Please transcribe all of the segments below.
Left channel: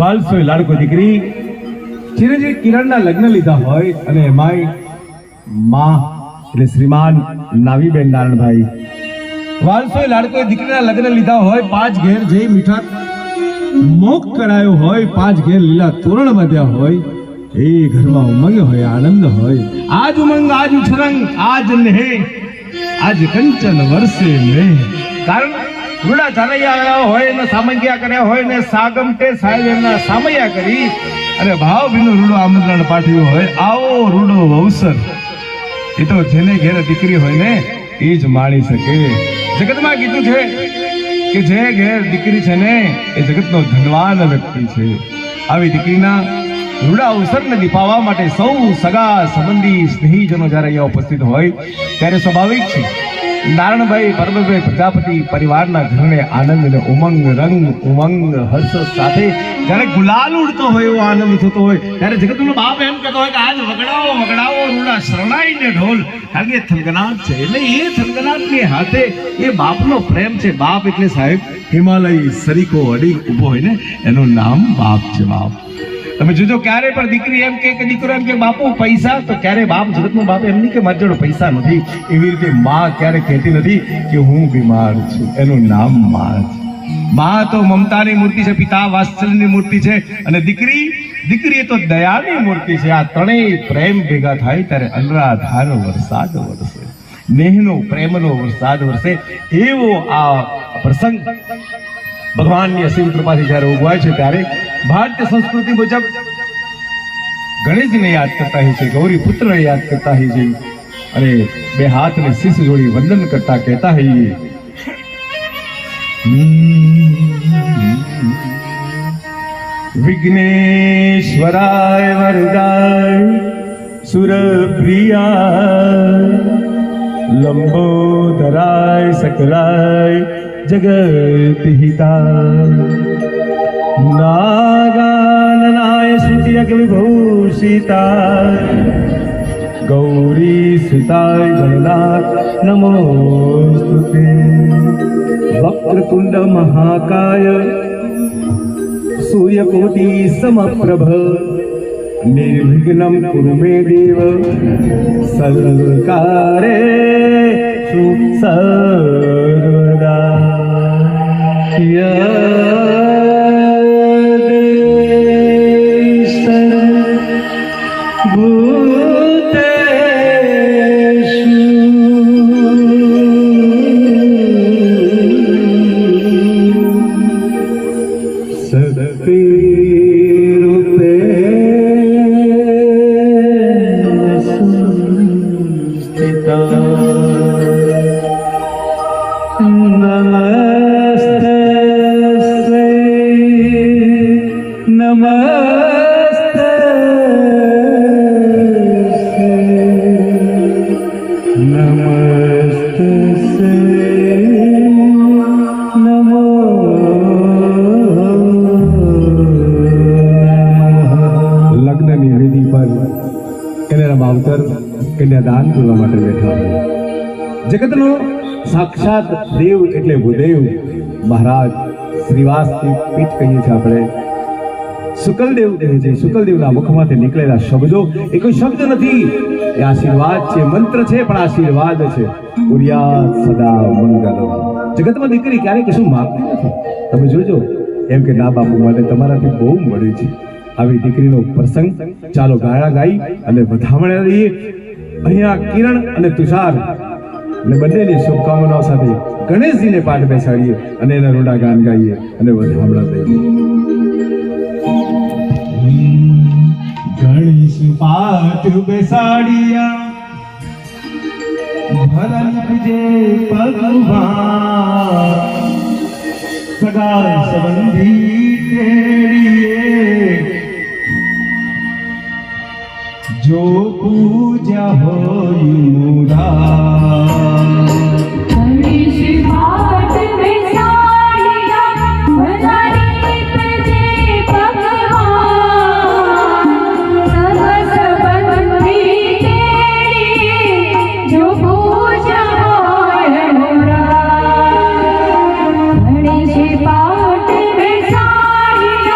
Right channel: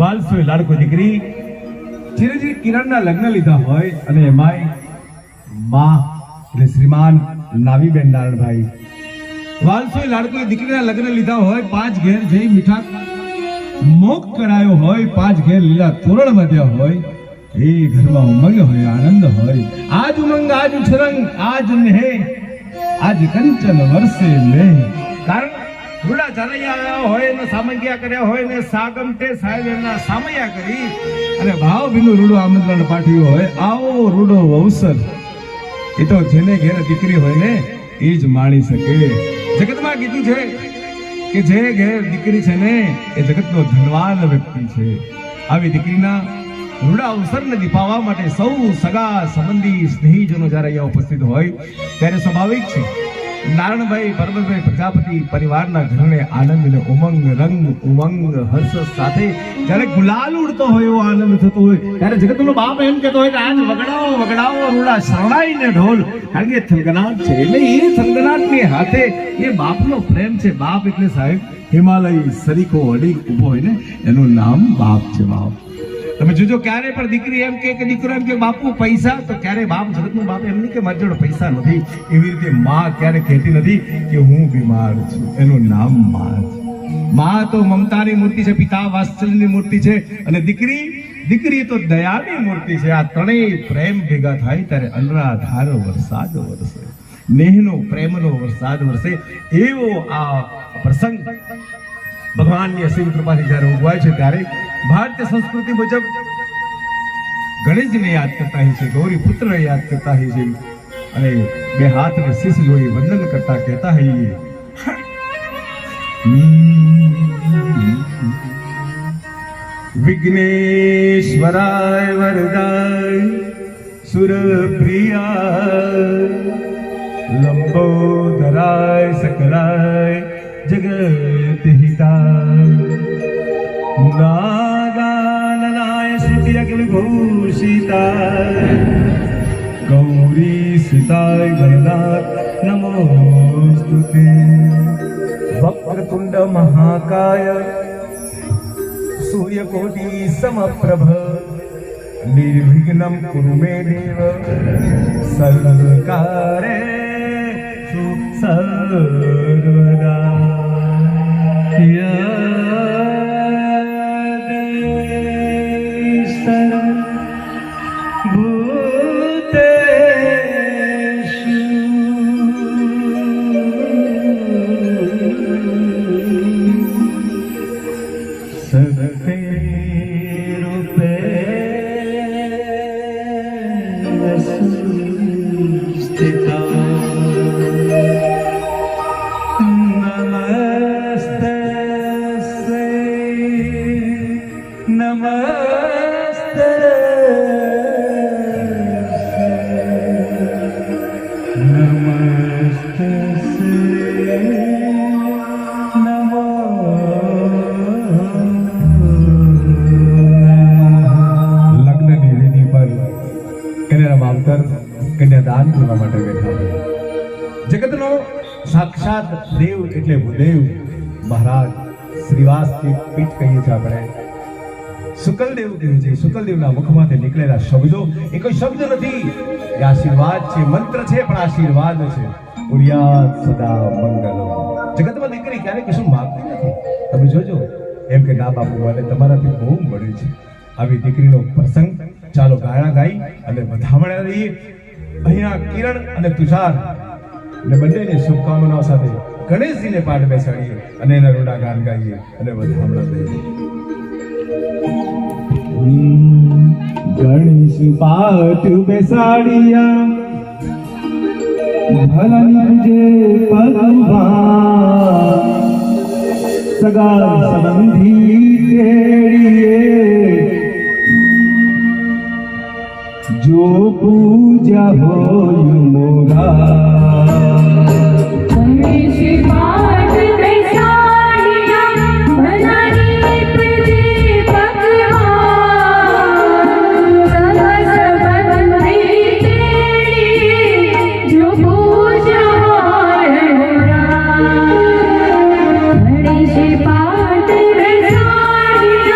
વાલસો લાડકો દીકરી જેને જે કિરણના લગ્ન લીધા હોય અને એમાંય માં એટલે શ્રીમાન નાવીબેન નારણભાઈ વાલસો લાડકો દીકરીના લગ્ન લીધા હોય, 5 ઘેર જે મીઠા મોક કરાયો હોય, 5 ઘેર લીલા તોરણ બાંધ્યા હોય, એ ઘરમાં ઉમંગ હોય, આનંદ હોય. આજ ઉમંગ, આજ ઉછરંગ, આજ નેહ, આજ કંચન વર્ષે મેં. કારણ રૂડા ચાલૈયા હોય ને સામૈયા કર્યા હોય ને સાગમટે સાહેબ એમના સામૈયા કરી અને ભાવ ભીનું રૂડો આમંત્રણ પાઠવ્યું હોય. આવો રૂડો અવસર એ તો જેને ઘેર દીકરી હોય ને એ જ માણી શકે. જગતમાં કીધું છે કે જે ઘેર દીકરી છે ને એ જગતનો ધનવાન વ્યક્તિ છે. આવી દીકરીના રૂડા અવસરને દીપાવવા માટે સૌ સગા સંબંધી સ્નેહીજનો જ્યારે અહીંયા ઉપસ્થિત હોય ત્યારે સ્વાભાવિક છે નારણભાઈ પરમભાઈ પ્રજાપતિ પરિવારના ઘરને આનંદ અને ઉમંગ, રંગ ઉમંગ, હર્ષ સાથે જ્યારે ગુલાલ ઉડતો હોય એવો આનંદ થતો હોય ત્યારે જગતનો બાપ એમ કહેતો હોય કે આજ વગડાવો વગડાવો રૂડા શરણાઈને ઢોલ. કારણ કે થનગનાટ છે એટલે એ થનગનાટની હાથે એ બાપનો પ્રેમ છે. બાપ એટલે સાહેબ હિમાલય સરીકો અડી ઊભો હોય ને એનું નામ બાપ છે. બાપ તમે જોજો ક્યારે પણ દીકરી એમ કે દીકરો એમ કે બાપુ પૈસા, તો ક્યારે બાપ જગતનો બાપ એમ નહીં કે મારી જોડે પૈસા નથી. એવી રીતે માં ક્યારે કહેતી નથી કે હું બીમાર છું. એનું નામ માં છે. માં તો મમતાની મૂર્તિ છે, પિતા વાત્સલ્યની મૂર્તિ છે અને દીકરી તો દયાની મૂર્તિ છે. આ ત્રણેય પ્રેમ ભેગા થાય ત્યારે અનરાધાર વરસાદ વરસે, નેહનો પ્રેમનો વરસાદ વરસે. એવો આ પ્રસંગ ભગવાનની અસીમ કૃપાથી જ્યારે ઉગવાય છે ત્યારે ભારતીય સંસ્કૃતિ મુજબ ગણેશજીને યાદ કરતા હોય છે, ગૌરી પુત્રને યાદ કરતા હોય છે અને બે હાથને શીશ જોડી વંદન કરતા કહેતા હોઈએ વિઘ્નેશ્વરાય વરદાય સુરપ્રિયા લંબોદરાય સકલાય જગત હિતાય નાગાનનાય શ્રુતિયક વિભૂષિતાય ગૌરી સુતાય ગણનાથ નમોસ્તુતે. વક્રતુંડ મહાકાય સૂર્યકોટિ સમપ્રભ નિર્વિઘ્નમ કુરુ મે દેવ સર્વકારે સર્વદા. જગતનો સાક્ષાત દેવ એટલે ભૂદેવ મહારાજ શ્રીવાસની પીઠ કહીએ છીએ આપણે. શુકલદેવ કહે છે, શુકલદેવના મુખમાંથી નીકળેલા શબ્દો એ કોઈ શબ્દ નથી, એ આશીર્વાદ છે, મંત્ર છે પણ આશીર્વાદ છે. ઉર્યાત સદા મંગલમ. જગતમાં દીકરી ક્યારેય કશું માગતી નથી. તમે જોજો એમ કે ના બાપુ માટે તમારાથી બહુ મળ્યું છે. આવી દીકરીનો પ્રસંગ ચાલો ગાણા ગાઈ અને વધામણા લઈએ. અહીંયા કિરણ અને તુષાર ને બંનેની શુભકામનાઓ સાથે ગણેશજીને પાઠ બેસાડીએ અને એના રોડા ગાન ગાઈએ અને વધામણા દઈએ. ગણેશ પાઠ બેસાડિયા ભલન જે પગમાં સગા સંબંધી તેડીએ જો પૂજા હોય મોરા. પાટ બેસાડી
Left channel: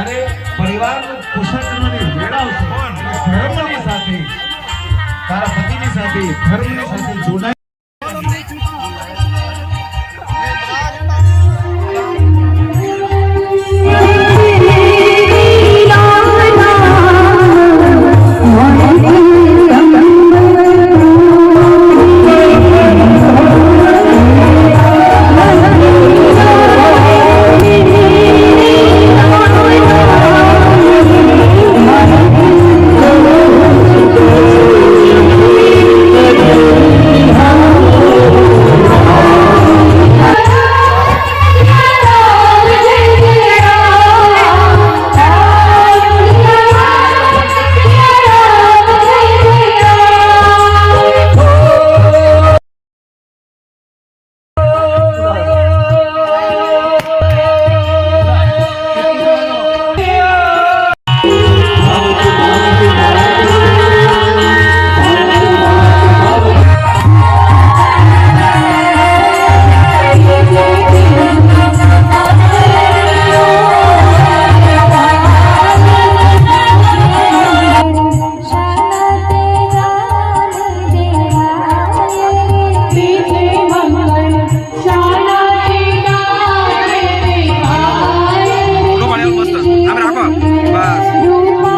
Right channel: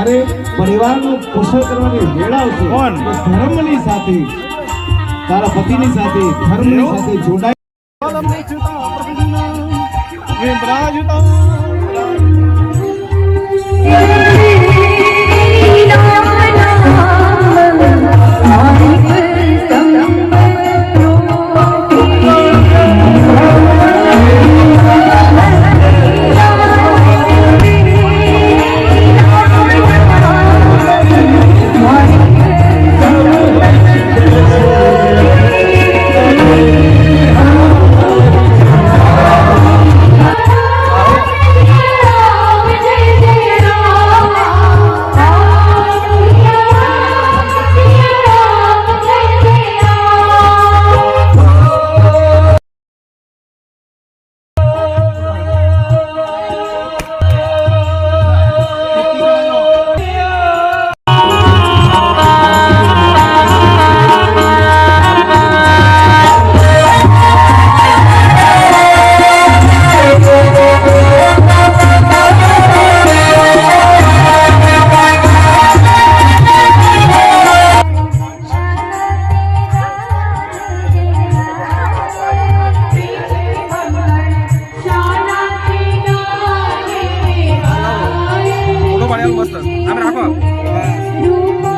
જ્યારે પરિવારનું પોષણ કરવાની વેળ આવશે તો ધર્મની સાથે તારા પતિની સાથે ધર્મની સાથે જોડાય મસ્ત આમ રાખો બસ